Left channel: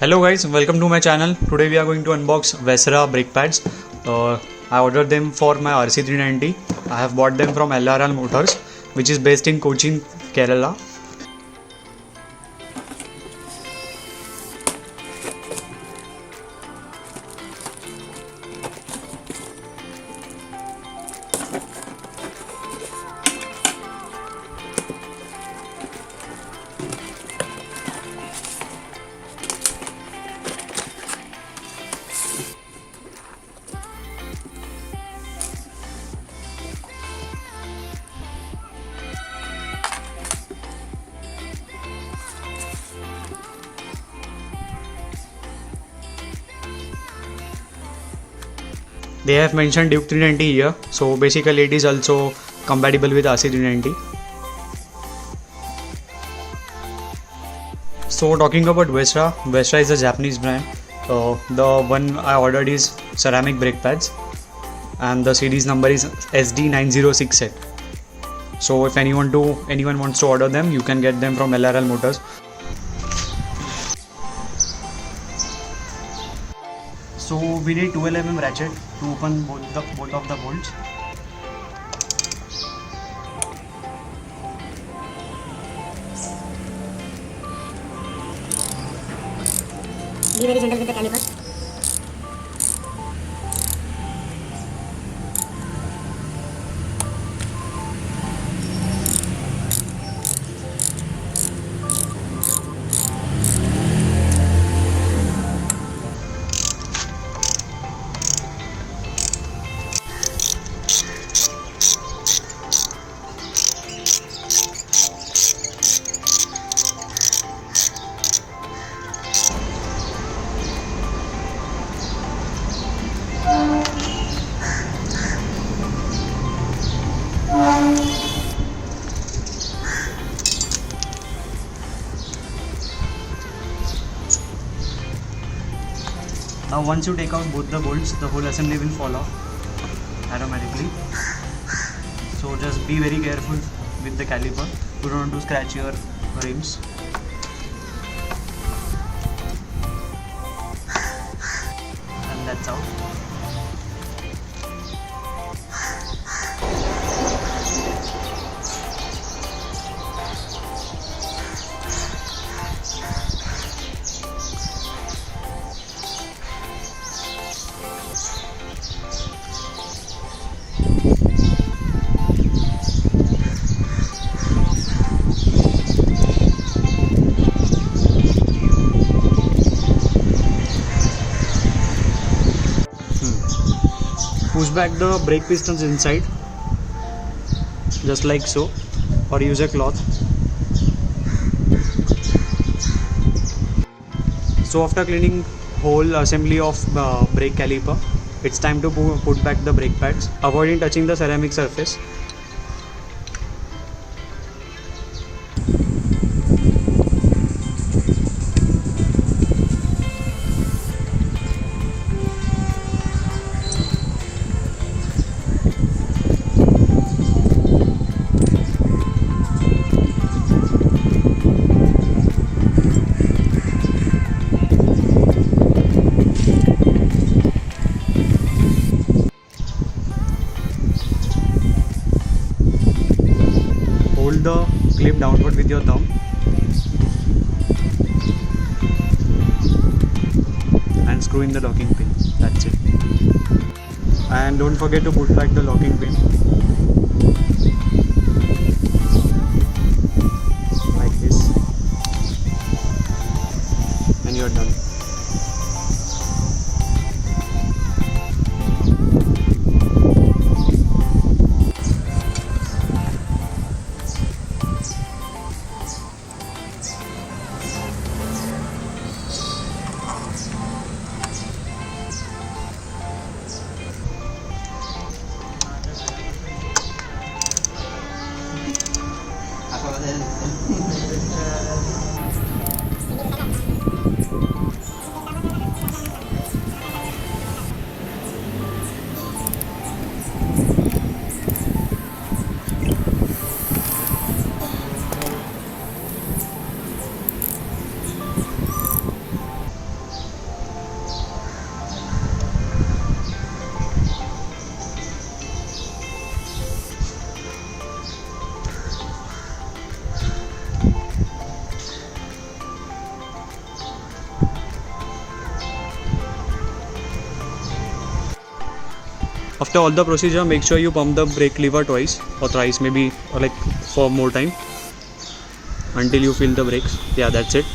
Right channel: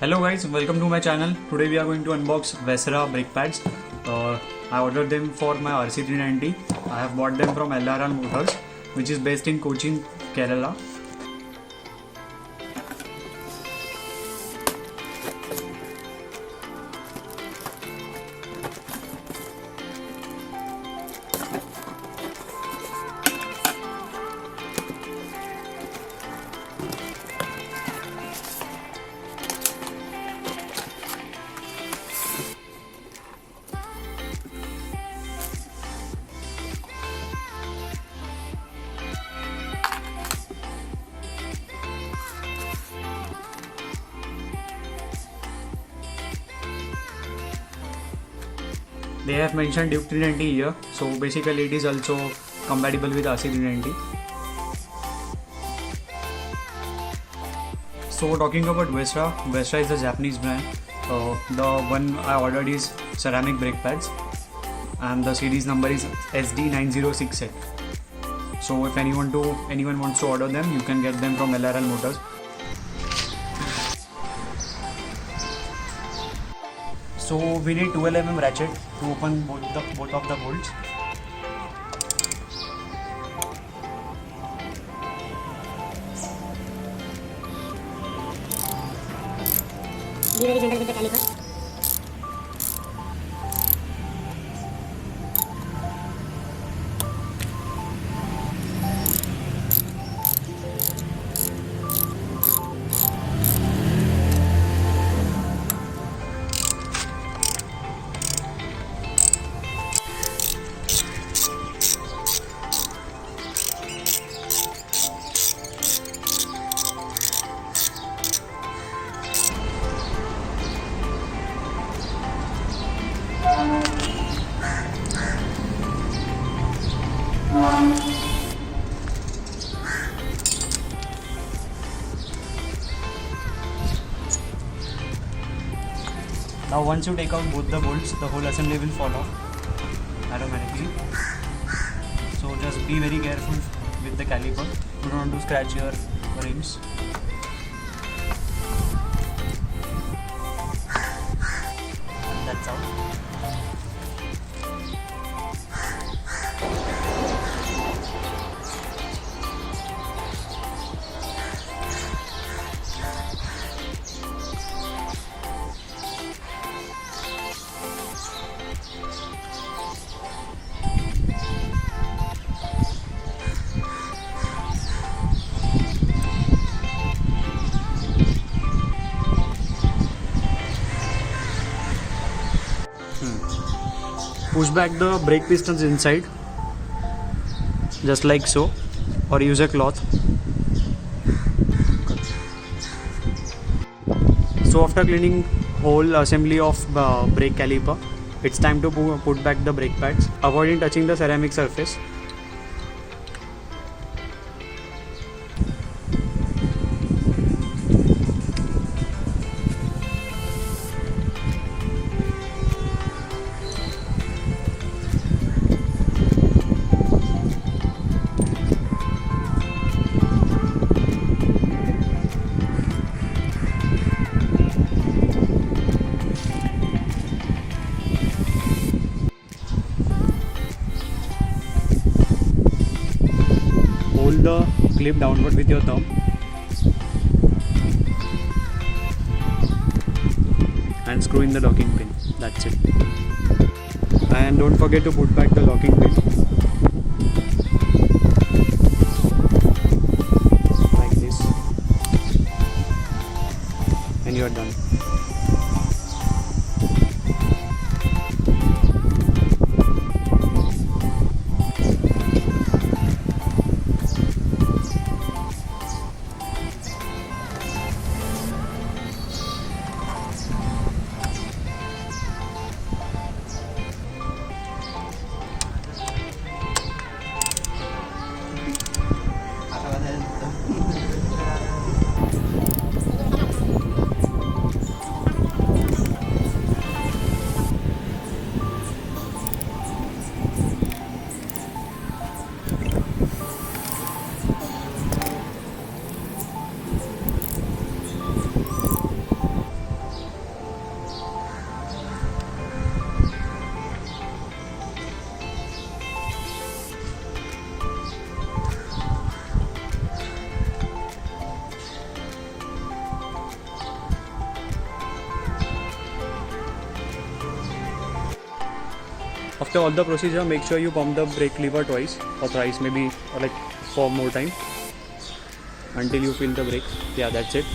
Hello guys, welcome to my channel. Today we are going to unbox Vesrah Brake Pads. I ordered them for my RC390. I have bought them from LRL Motors, which is based in Cochin, Kerala. They have mentioned Duke 390 here, so basically it is also compatible with RC390. So talking about Vesrah is a Japanese brand. The one I ordered is ceramic brake pads, and the series number is SD9068. So if anyone wants to order them, you can get them from LRL Motors. So we need 12 mm ratchet to open both of the bolts. Be very gentle with the caliper. Now once you take out both the bolts, the whole assembly will fall off automatically. So just be very careful with the caliper. You don't want to scratch your rims. And that's out. Push back the brake pistons inside, just like so, or use a cloth. So after cleaning whole assembly of brake caliper, it's time to put back the brake pads, avoiding touching the ceramic surface. Hold the clip downward with your thumb and screw in the locking pin. That's it. And don't forget to put back the locking pin like this, and you're done. After all the procedure, make sure you pump the brake lever twice or thrice, maybe, or like for more time until you feel the brakes. Yeah, that's it.